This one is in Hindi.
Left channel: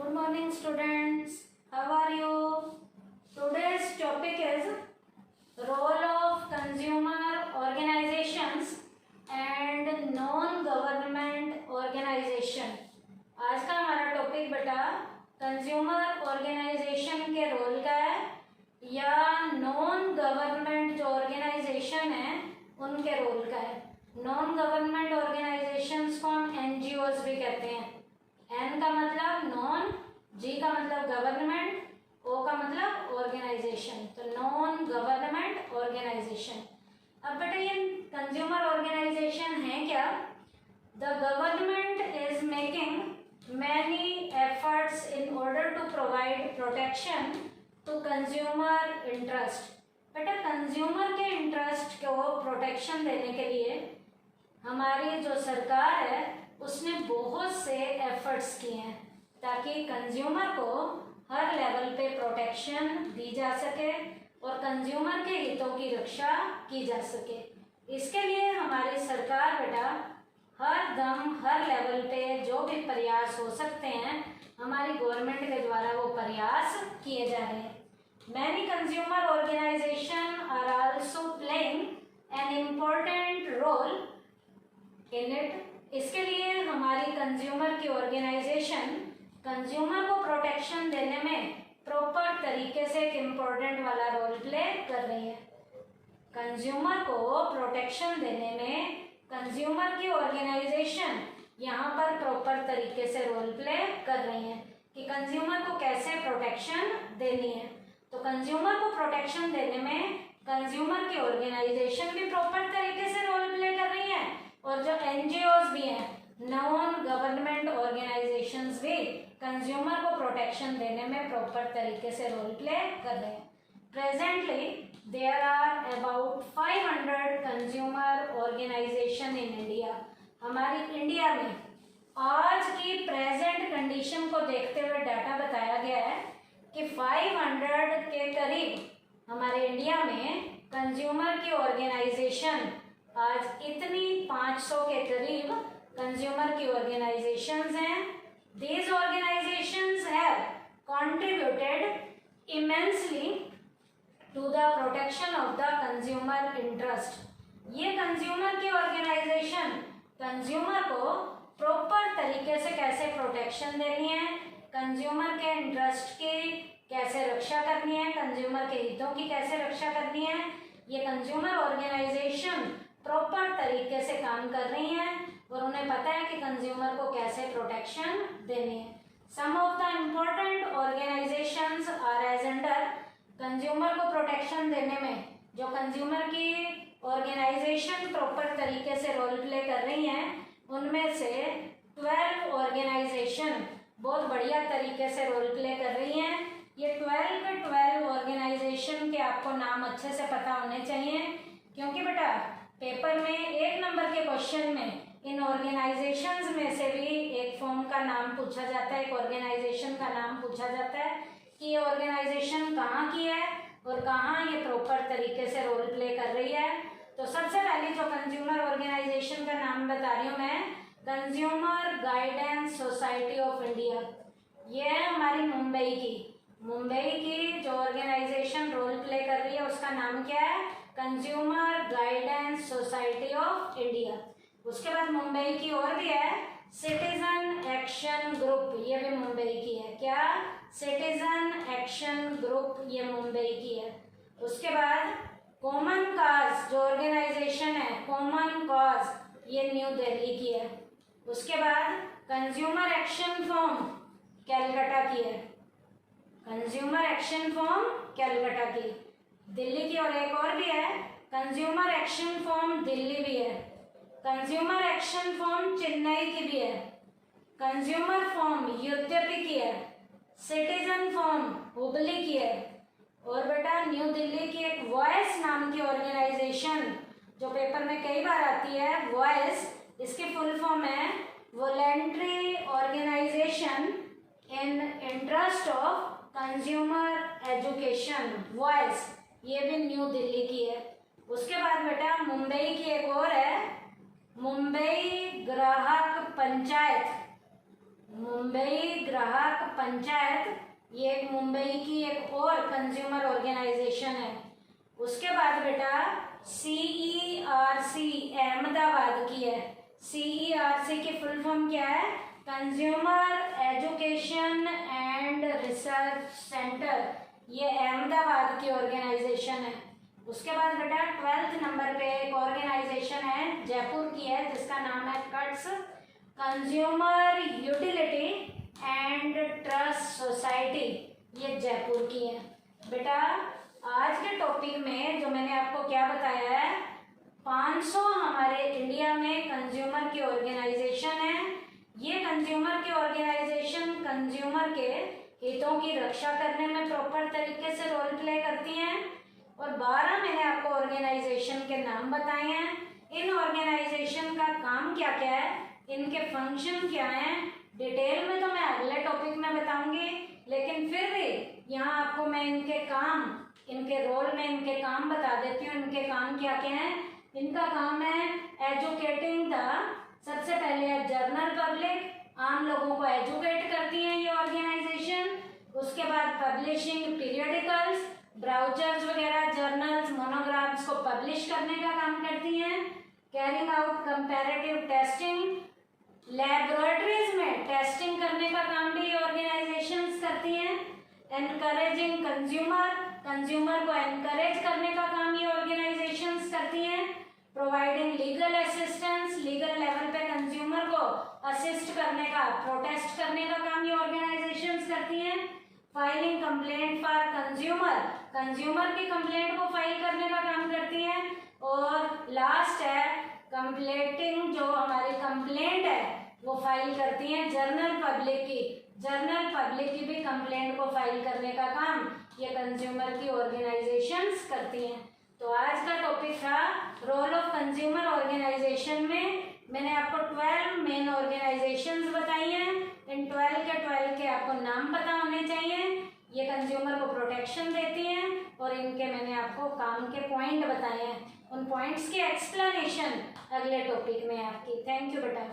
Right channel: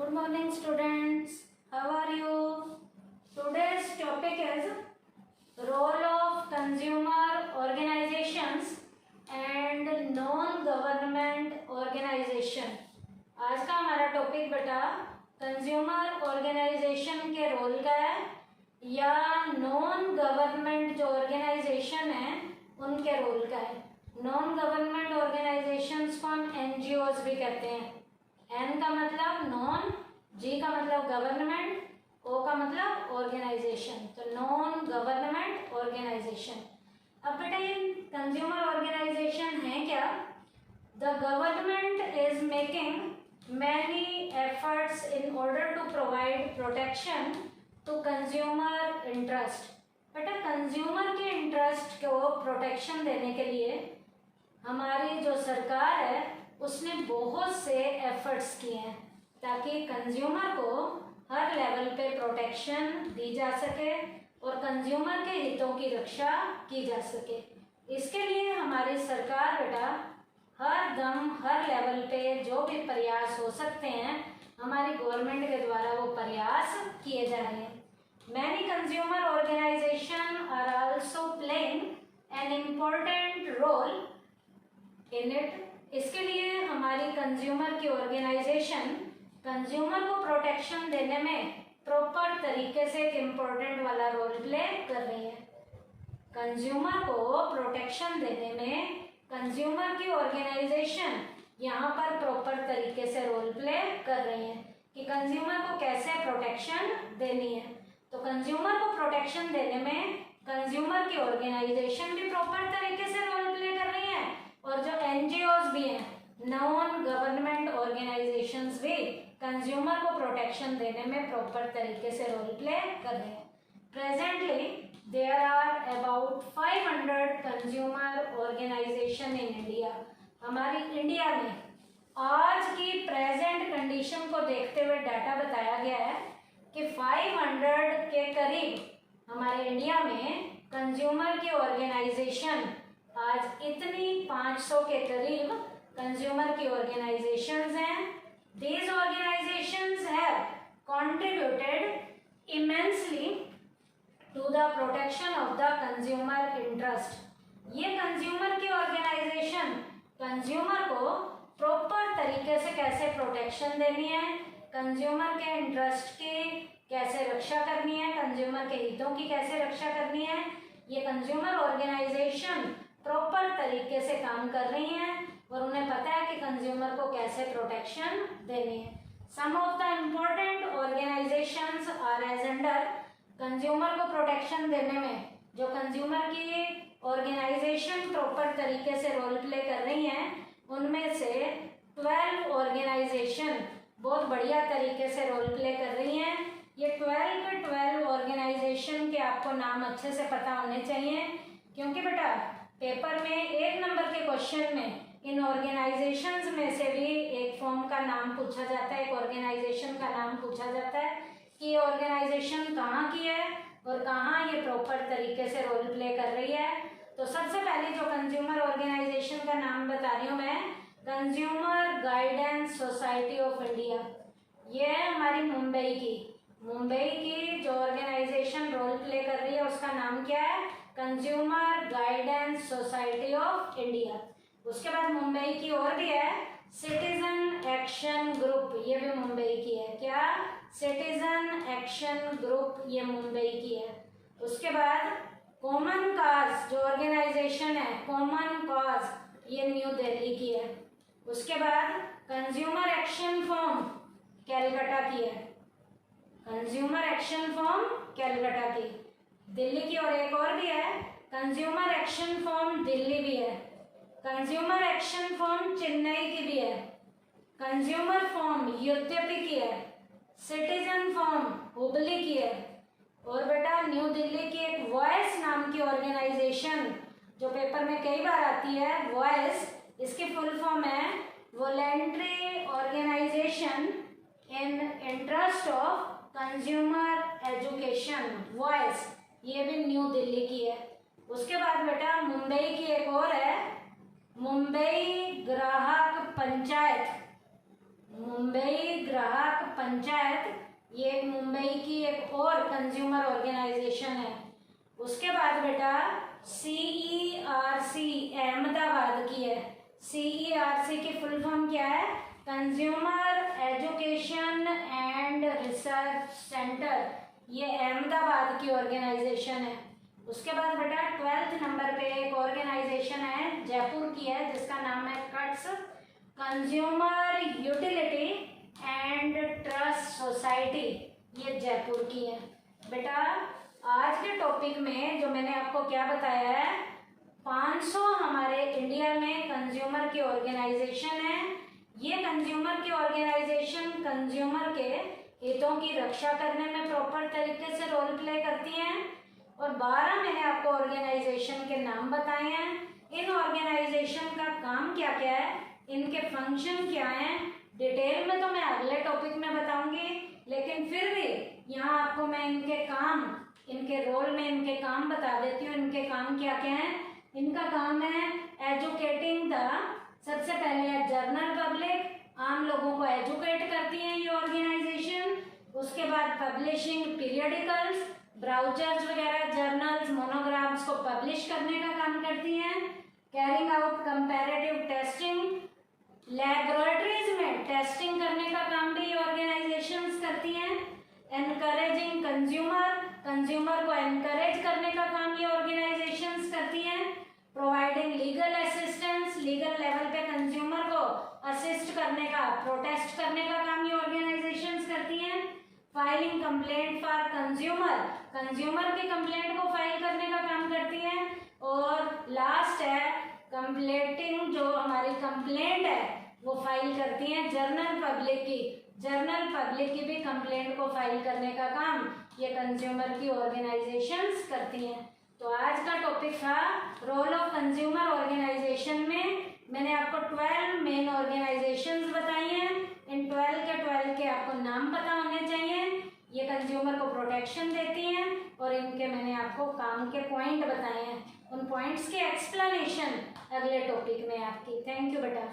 Good morning, students. How are you? Today's topic is role of consumer organizations and non-government organization. आज का हमारा टॉपिक बेटा कंज्यूमर ऑर्गेनाइजेशन के रोल का है या नॉन गवर्नमेंट जो ऑर्गेनाइजेशन है उनके रोल का है। नॉन गवर्नमेंट ऑर्गेनाइजेशंस को हम एनजीओज भी कहते हैं। एन का मतलब नॉन, जी का मतलब गवर्नमेंट, ओ का मतलब ऑर्गेनाइजेशन, तो नॉन गवर्नमेंट ऑर्गेनाइजेशन। अब बेटा ये कंज्यूमर ऑर्गेनाइजेशन है क्या? The government is making many efforts in order to provide protection to consumer interest. बेटा कंज्यूमर के इंटरेस्ट को प्रोटेक्शन देने के लिए हमारी जो सरकार है उसने बहुत से एफर्ट्स किए हैं ताकि कंज्यूमर को हर लेवल पे प्रोटेक्शन दी जा सके और कंज्यूमर के हितों की रक्षा की जा सके। इसके लिए हमारी सरकार बेटा हर दम हर लेवल पे जो भी प्रयास हो सकते हैं हमारी गवर्नमेंट के द्वारा वो प्रयास किए जा रहे हैं। Many consumer organisation are also playing an important role in it. इसके लिए हमारी कंज्यूमर की ऑर्गेनाइजेशन कंज्यूमर को प्रोटेक्शन देने में प्रॉपर तरीके से एक इम्पोर्टेंट वाला रोल प्ले कर रही है। कंज्यूमर को प्रोटेक्शन देने में कंज्यूमर की ऑर्गेनाइजेशन यहाँ पर प्रॉपर तरीके से रोल प्ले कर रही है कि कंज्यूमर को कैसे प्रोटेक्शन देनी है। तो कंज्यूमर को प्रोटेक्शन देने में कंज्यूमर की ऑर्गेनाइजेशन भी प्रॉपर तरीके से रोल प्ले कर रही है और जो एनजीओज भी हैं, नॉन गवर्नमेंट ऑर्गेनाइजेशंस भी कंज्यूमर को प्रोटेक्शन देने में प्रॉपर तरीके से रोल प्ले कर रहे हैं। Presently there are about 500 consumer organisation in India. हमारी इंडिया में आज की प्रेजेंट कंडीशन को देखते हुए डाटा बताया गया है कि 500 के करीब हमारे इंडिया में कंज्यूमर की ऑर्गेनाइजेशन आज इतनी 500 के करीब कंज्यूमर की ऑर्गेनाइजेशंस हैं। These organisations have contributed immensely to the protection of the consumer interest. ये कंज्यूमर की ऑर्गेनाइजेशन कंज्यूमर को प्रॉपर तरीके से कैसे प्रोटेक्शन देनी है, कंज्यूमर के इंटरेस्ट की कैसे रक्षा करनी है, कंज्यूमर के हितों की कैसे रक्षा करनी है, ये कंज्यूमर ऑर्गेनाइजेशन प्रॉपर तरीके से काम कर रही हैं और उन्हें पता है कि कंज्यूमर को कैसे प्रोटेक्शन देनी है। Some of the important organisations are as under. Consumer को प्रोटेक्शन देने में जो कंज्यूमर की ऑर्गेनाइजेशन प्रॉपर तरीके से रोल प्ले कर रही हैं उनमें से 12 ऑर्गेनाइजेशन बहुत बढ़िया तरीके से रोल प्ले कर रही हैं। ये 12 के 12 ऑर्गेनाइजेशन के आपको नाम अच्छे से पता होने चाहिए क्योंकि बेटा पेपर में 1 नंबर के क्वेश्चन में इन ऑर्गेनाइजेशंस में से भी एक फॉर्म का नाम पूछा जाता है, एक ऑर्गेनाइजेशन का नाम पूछा जाता है कि ये ऑर्गेनाइजेशन कहाँ की है और कहाँ ये प्रॉपर तरीके से रोल प्ले कर रही है। तो सबसे पहले जो कंज्यूमर ऑर्गेनाइजेशन का नाम बता रही हूँ मैं, consumer guidance society of India. ये है हमारी मुंबई की जो ऑर्गेनाइजेशन रोल प्ले कर रही है उसका नाम क्या है? Consumer guidance society of India. उसके बाद मुंबई की और भी है सिटीजन एक्शन ग्रुप, ये भी मुंबई की है। क्या? सिटीजन एक्शन ग्रुप, ये मुंबई की है। उसके बाद कॉमन काज जो ऑर्गेनाइजेशन है, कॉमन काज, ये न्यू दिल्ली की है। उसके बाद कंज्यूमर एक्शन फॉर्म कैलकाटा की है, कंज्यूमर एक्शन फॉर्म कैलकाटा की, दिल्ली की। और एक और भी है कंज्यूमर एक्शन फॉर्म दिल्ली भी है, कंज्यूमर एक्शन फॉर्म चेन्नई की भी है, कंज्यूमर फॉर्म यूपी की है, सिटीजन फॉर्म हुबली की है। और बेटा न्यू दिल्ली की एक वॉइस नाम की ऑर्गेनाइजेशन जो पेपर में कई बार आती है, वॉइस, इसकी फुल फॉर्म है voluntary organisation in interest of consumer education, voice, ये भी न्यू दिल्ली की है। उसके बाद बेटा मुंबई की एक और है मुंबई ग्राहक पंचायत, मुंबई ग्राहक पंचायत, ये मुंबई की एक और कंज्यूमर ऑर्गेनाइजेशन है। उसके बाद बेटा CERC अहमदाबाद की है। CERC की फुल फॉर्म क्या है? Consumer education and research centre, ये अहमदाबाद की ऑर्गेनाइजेशन है। उसके बाद बेटा 12th नंबर पे एक ऑर्गेनाइजेशन है, जयपुर की है, जिसका नाम है cuts consumer utility and trust society, ये जयपुर की है। बेटा आज के टॉपिक में जो मैंने आपको क्या बताया है, 500 हमारे इंडिया में कंज्यूमर की ऑर्गेनाइजेशन है। ये कंज्यूमर की ऑर्गेनाइजेशन कंज्यूमर के हितों की रक्षा करने में प्रॉपर तरीके से रोल प्ले करती हैं। और 12 मैंने आपको ऑर्गेनाइजेशन के नाम बताए हैं। इन ऑर्गेनाइजेशन का काम क्या क्या है, इनके फंक्शन क्या हैं, डिटेल में तो मैं अगले टॉपिक में बताऊंगी, लेकिन फिर भी यहाँ आपको मैं इनके काम, इनके रोल में इनके काम बता देती हूँ। इनके काम क्या क्या हैं? इनका काम है एजुकेटिंग द, सबसे पहले है जनरल पब्लिक, आम लोगों को एजुकेट करती हैं ये ऑर्गेनाइजेशन। उसके बाद पब्लिशिंग पीरियडिकल्स, ब्राउचर्स वगैरह, जर्नल्स, मोनोग्राफ्स को पब्लिश करने का काम करती हैं। Carrying out comparative testing, laboratories में टेस्टिंग करने का काम भी ये ऑर्गेनाइजेशंस करती हैं। एनकरेजिंग कंज्यूमर, कंज्यूमर को एनकरेज करने का काम ये ऑर्गेनाइजेशंस करती हैं। Providing legal assistance, legal level पे कंज्यूमर को असिस्ट करने का, प्रोटेस्ट करने का काम ये ऑर्गेनाइजेशंस करती हैं। Filing complaint for consumer, consumer की कंप्लेंट को फाइल करने का काम करती हैं। और लास्ट है कंप्लेंटिंग, जो हमारी कंप्लेंट है वो फाइल करती हैं जनरल पब्लिक की, जनरल पब्लिक की भी कंप्लेंट को फाइल करने का काम ये कंज्यूमर की ऑर्गेनाइजेशंस करती हैं। तो आज का टॉपिक था रोल ऑफ कंज्यूमर ऑर्गेनाइजेशन में। मैंने आपको 12 मेन ऑर्गेनाइजेशंस बताई हैं। इन 12 के आपको नाम पता होने चाहिए। ये कंज्यूमर को प्रोटेक्शन देती हैं और इनके मैंने आपको काम के पॉइंट बताए हैं। उन पॉइंट्स की एक्सप्लेनेशन अगले टॉपिक में आपकी। थैंक यू बेटा।